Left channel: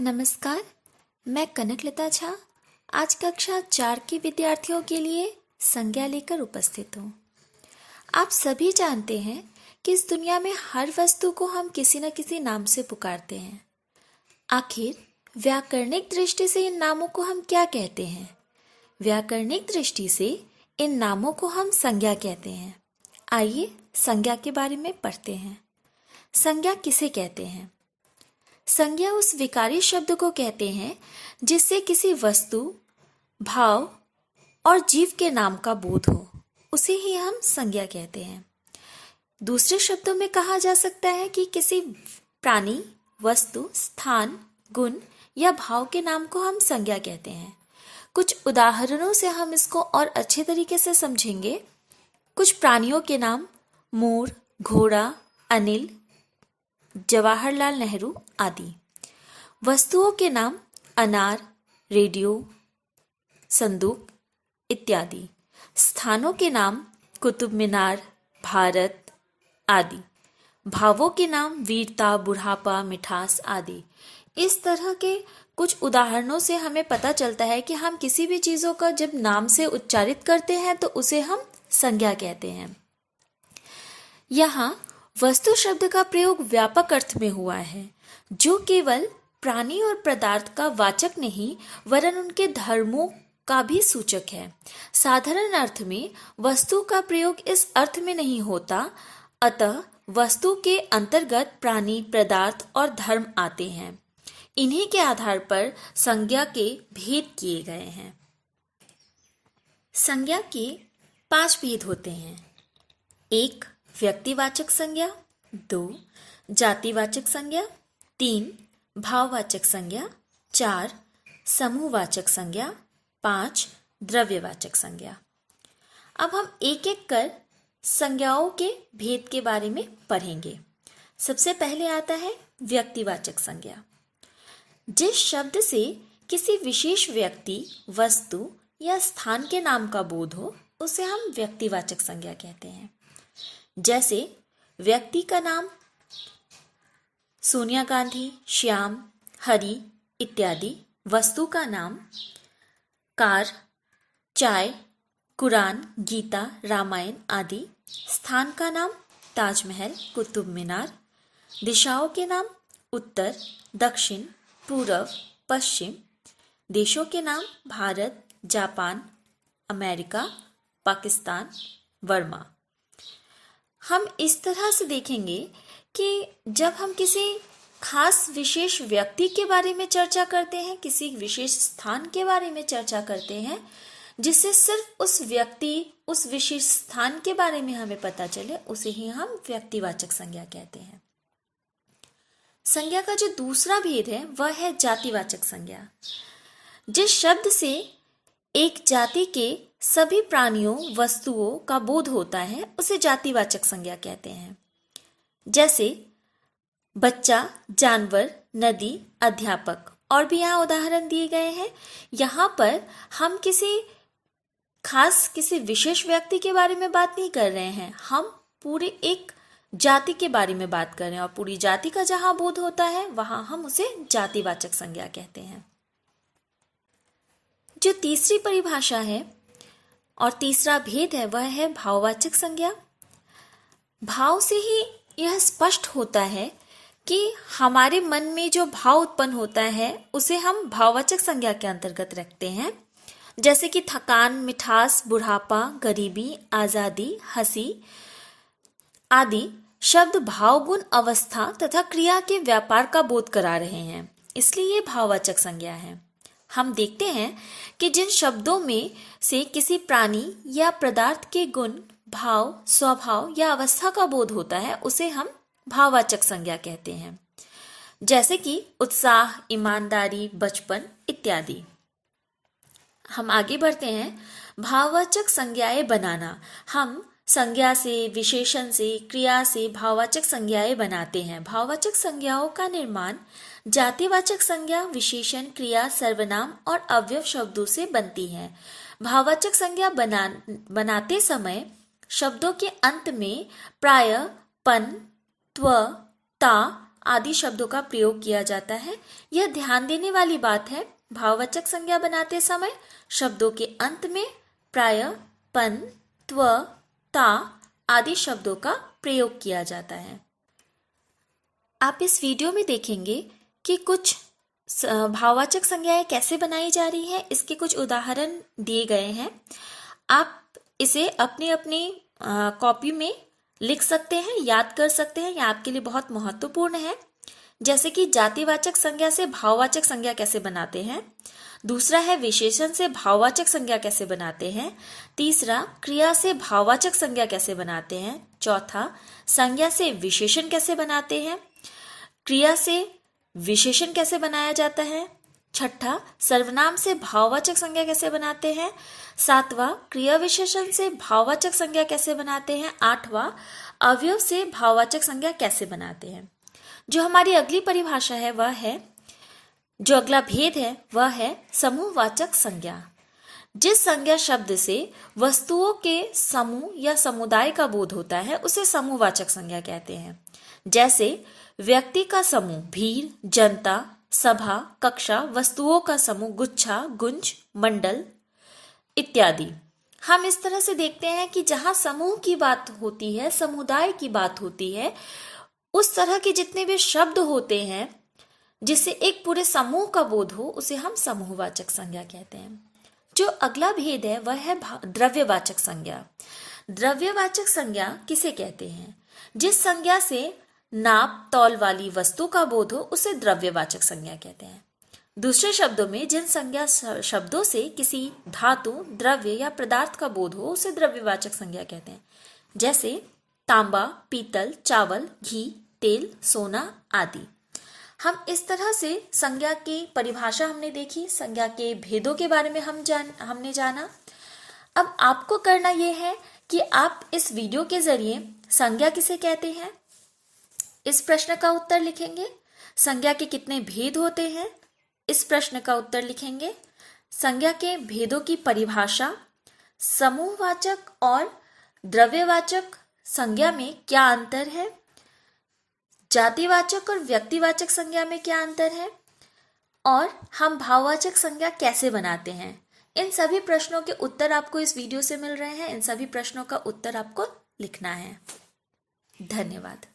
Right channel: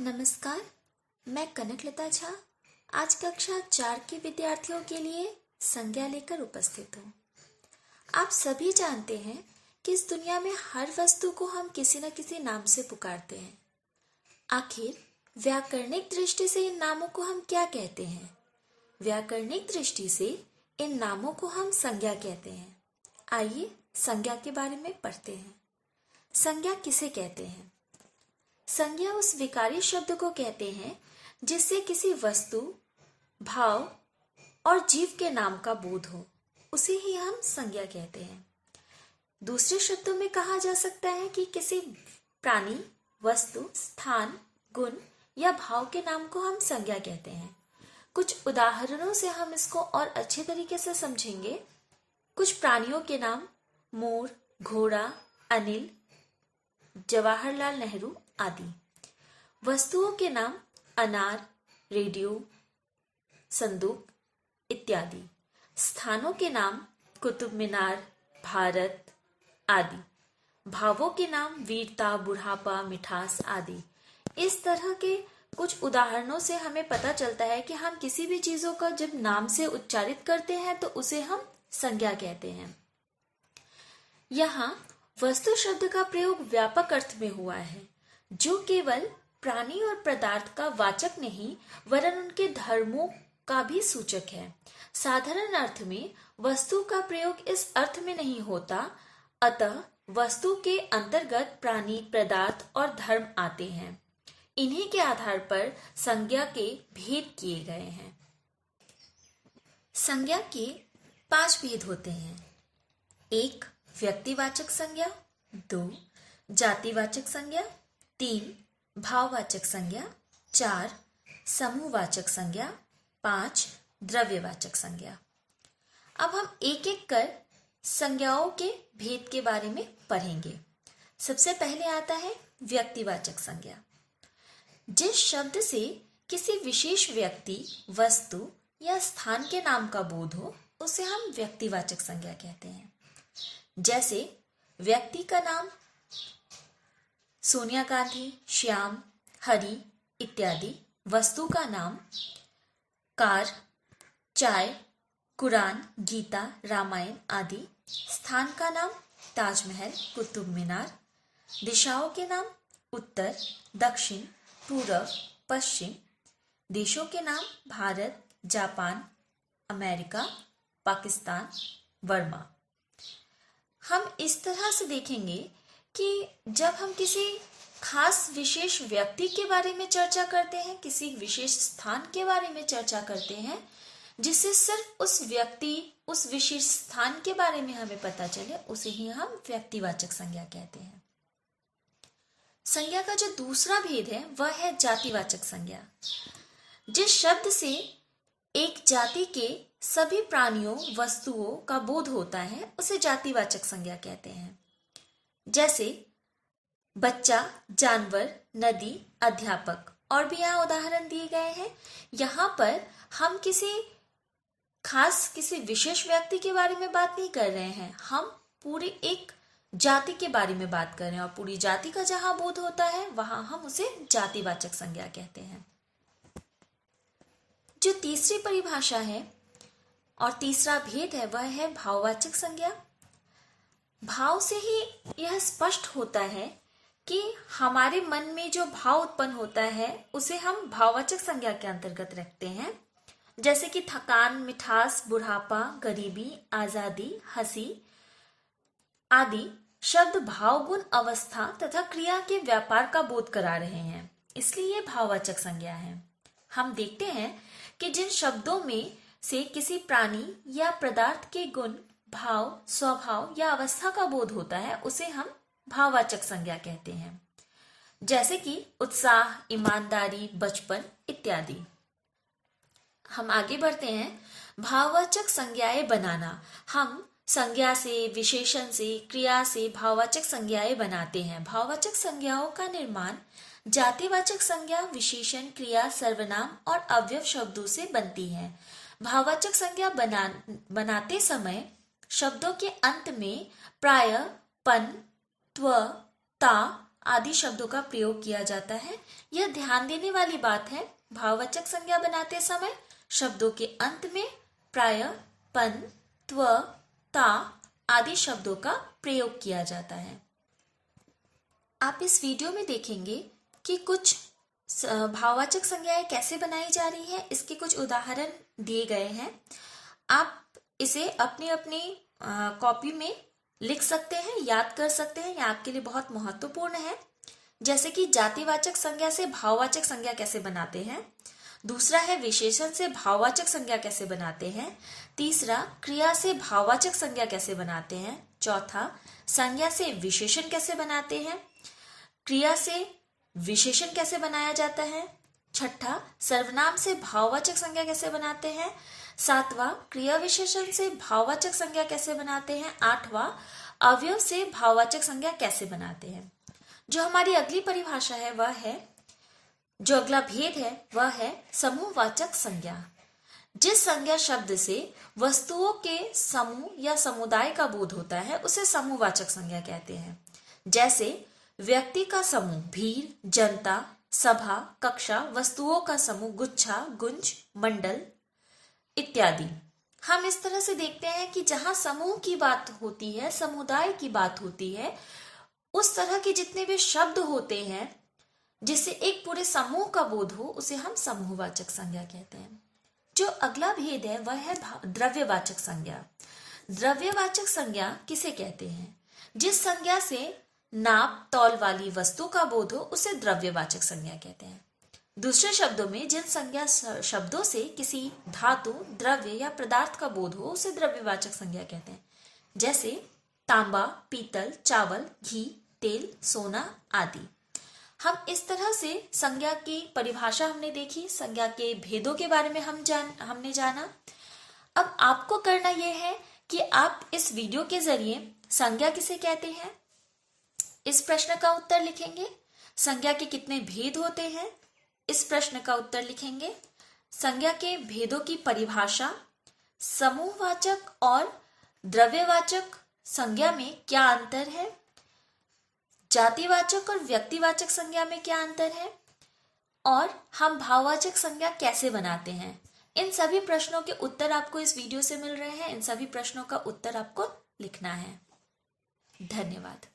नमस्कार, मैं कनकलता झा आज कक्षा 4 के विद्यार्थियों के लिए संज्ञा लेकर उपस्थित हूँ। आप सभी जानते हैं कि इस दुनिया में हर वस्तु को हम किसी न किसी नाम से पुकारते हैं। आखिर व्याकरणिक दृष्टि से इन नामों को हम क्या कहते हैं? व्याकरणिक दृष्टि से इन नामों को हम संज्ञा कहते हैं। आइए संज्ञा के बारे में पढ़ते हैं। संज्ञा किसे कहते हैं? संज्ञा उस विकारी शब्द को कहते हैं जिससे किसी वस्तु, भाव और जीव के नाम का बोध हो, उसे ही हम संज्ञा कहते हैं। दूसरे शब्दों में कहा जा सकता है कि किसी प्राणी, वस्तु, स्थान, गुण या भाव के नाम को हम संज्ञा कहते हैं। कुछ उदाहरणों से हम इसको और अच्छे तरीके से समझेंगे। कुछ प्राणियों के नाम मोर, घोड़ा, अनिल, जवाहरलाल नेहरू आदि। वस्तुओं के नाम अनार, रेडियो, संदूक इत्यादि। स्थानों के नाम कुतुब मीनार, भारत आदि। भावों के नाम वीरता, बुढ़ापा, मिठास आदि। इस तरह के कुछ उदाहरणों से हमें पता चलता है कि हम किसी भी चीज़ों का जब नाम से उच्चारित करते हैं तो उसे हम संज्ञा कहते हैं। यहाँ वस्तु शब्द का प्रयोग व्यापक अर्थ में हुआ है, जो केवल प्राणी और पदार्थ का वाचक नहीं वरन उनके धर्मों का भी सूचक है। साधारण अर्थ में वस्तु का प्रयोग इस अर्थ में नहीं होता, अतः वस्तु के अंतर्गत प्राणी, पदार्थ और धर्म आते हैं। इन्हीं के आधार पर संज्ञा के भेद किए गए हैं। संज्ञा के 5 भेद होते हैं। 1. व्यक्तिवाचक संज्ञा, 2. जातिवाचक संज्ञा, 3. भाववाचक संज्ञा, 4. समूहवाचक संज्ञा, 5. द्रव्यवाचक संज्ञा। अब हम एक एक कर संज्ञाओं के भेद के बारे में पढ़ेंगे। सबसे पहले आता है व्यक्तिवाचक संज्ञा। जिस शब्द से किसी विशेष व्यक्ति, वस्तु या स्थान के नाम का बोध हो, उसे हम व्यक्तिवाचक संज्ञा कहते हैं। जैसे व्यक्ति का नाम सोनिया गांधी, श्याम, हरि इत्यादि। वस्तु का नाम कार, चाय, कुरान, गीता, रामायण आदि। स्थान का नाम ताजमहल, कुतुब मीनार। दिशाओं के नाम उत्तर, दक्षिण, पूर्व, पश्चिम। देशों के नाम Bharat, Japan, America, Pakistan, Burma. हम इस तरह से देखेंगे कि जब हम किसी खास विशेष व्यक्ति के बारे में चर्चा करते हैं, किसी विशेष स्थान के बारे में चर्चा करते हैं, जिससे सिर्फ उस व्यक्ति, उस विशेष स्थान के बारे में हमें पता चले, उसे ही हम व्यक्तिवाचक संज्ञा कहते हैं। संज्ञा का जो दूसरा भेद है वह है जातिवाचक संज्ञा। जिस शब्द से एक जाति के सभी प्राणियों, वस्तुओं का बोध होता है, उसे जातिवाचक संज्ञा कहते हैं। जैसे बच्चा, जानवर, नदी, अध्यापक और भी यहाँ उदाहरण दिए गए हैं। यहाँ पर हम किसी विशेष व्यक्ति के बारे में बात नहीं कर रहे हैं, हम पूरे एक जाति के बारे में बात कर रहे हैं और पूरी जाति का जहाँ बोध होता है वहाँ हम उसे जातिवाचक संज्ञा कहते हैं। जो तीसरी परिभाषा है और तीसरा भेद है वह है भाववाचक संज्ञा। भाव से ही यह स्पष्ट होता है कि हमारे मन में जो भाव उत्पन्न होता है उसे हम भाववाचक संज्ञा के अंतर्गत रखते हैं। जैसे कि थकान, मिठास, बुढ़ापा, गरीबी, आजादी, हंसी आदि शब्द भाव, गुण, अवस्था तथा क्रिया के व्यापार का बोध करा रहे हैं, इसलिए ये भाववाचक संज्ञा है। हम देखते हैं कि जिन शब्दों में से किसी प्राणी या पदार्थ के गुण, भाव, स्वभाव या अवस्था का बोध होता है उसे हम भाववाचक संज्ञा कहते हैं। जैसे कि उत्साह, ईमानदारी, बचपन इत्यादि। हम आगे बढ़ते हैं। भाववाचक संज्ञाएं बनाना। हम संज्ञा से, विशेषण से, क्रिया से भाववाचक संज्ञाएं बनाते हैं। भाववाचक संज्ञाओं का निर्माण जातिवाचक संज्ञा, विशेषण, क्रिया, सर्वनाम और अवयव शब्दों से बनती है। भाववाचक संज्ञा बनाते समय शब्दों के अंत में प्राय, पन, त्व, ता आदि शब्दों का प्रयोग किया जाता है। यह ध्यान देने वाली बात है, भाववाचक संज्ञा बनाते समय शब्दों के अंत में प्रायः पन, त्व, ता आदि शब्दों का प्रयोग किया जाता है। आप इस वीडियो में देखेंगे कि कुछ भाववाचक संज्ञाएं कैसे बनाई जा रही है, इसके कुछ उदाहरण दिए गए हैं। आप इसे अपनी अपनी कॉपी में लिख सकते हैं, याद कर सकते हैं, यह आपके लिए बहुत महत्वपूर्ण है। जैसे कि जातिवाचक संज्ञा से भाववाचक संज्ञा कैसे बनाते हैं, दूसरा है विशेषण से भाववाचक संज्ञा कैसे बनाते हैं, तीसरा क्रिया से भाववाचक संज्ञा कैसे बनाते हैं, चौथा संज्ञा से विशेषण कैसे बनाते हैं, क्रिया से विशेषण कैसे बनाया जाता है, छठा सर्वनाम से भाववाचक संज्ञा कैसे बनाते हैं, सातवां क्रिया विशेषण से भाववाचक संज्ञा कैसे बनाते हैं, आठवां अवयव से भाववाचक संज्ञा कैसे बनाते हैं। जो हमारी अगली परिभाषा है वह है, जो अगला भेद है वह है समूहवाचक संज्ञा। जिस संज्ञा शब्द से वस्तुओं के समूह या समुदाय का बोध होता है उसे समूहवाचक संज्ञा कहते हैं। जैसे व्यक्ति का समूह भीड़, जनता, सभा, कक्षा, वस्तुओं का समूह गुच्छा, गुंज, मंडल इत्यादि। हम इस तरह से देखते हैं कि जहां समूह की बात होती है, समुदाय की बात होती है, उस तरह के जितने भी शब्द होते हैं जिससे एक पूरे समूह का बोध हो उसे हम समूहवाचक संज्ञा कहते हैं। जो अगला भेद है वह है द्रव्यवाचक संज्ञा। द्रव्यवाचक संज्ञा किसे कहते हैं? जिस संज्ञा से नाप तौल वाली वस्तु का बोध हो उसे द्रव्यवाचक संज्ञा कहते हैं। दूसरे शब्दों में जिन संज्ञा शब्दों से किसी धातु, द्रव्य या पदार्थ का बोध हो उसे द्रव्यवाचक संज्ञा कहते हैं। जैसे तांबा, पीतल, चावल, घी, तेल, सोना आदि। हम इस तरह से संज्ञा की परिभाषा हमने देखी, संज्ञा के भेदों के बारे में हमने जाना। अब आपको करना यह है कि आप इस वीडियो के जरिए संज्ञा किसे कहते हैं इस प्रश्न का उत्तर लिखेंगे। संज्ञा के कितने भेद होते हैं इस प्रश्न का उत्तर लिखेंगे। संज्ञा के भेदों की परिभाषा, समूहवाचक और द्रव्यवाचक संज्ञा में क्या अंतर है, जातिवाचक और व्यक्तिवाचक संज्ञा में क्या अंतर है, और हम भाववाचक संज्ञा कैसे बनाते हैं। इन सभी प्रश्नों के उत्तर आपको इस वीडियो से मिल रहे हैं। इन सभी प्रश्नों का उत्तर आपको लिखना है। धन्यवाद।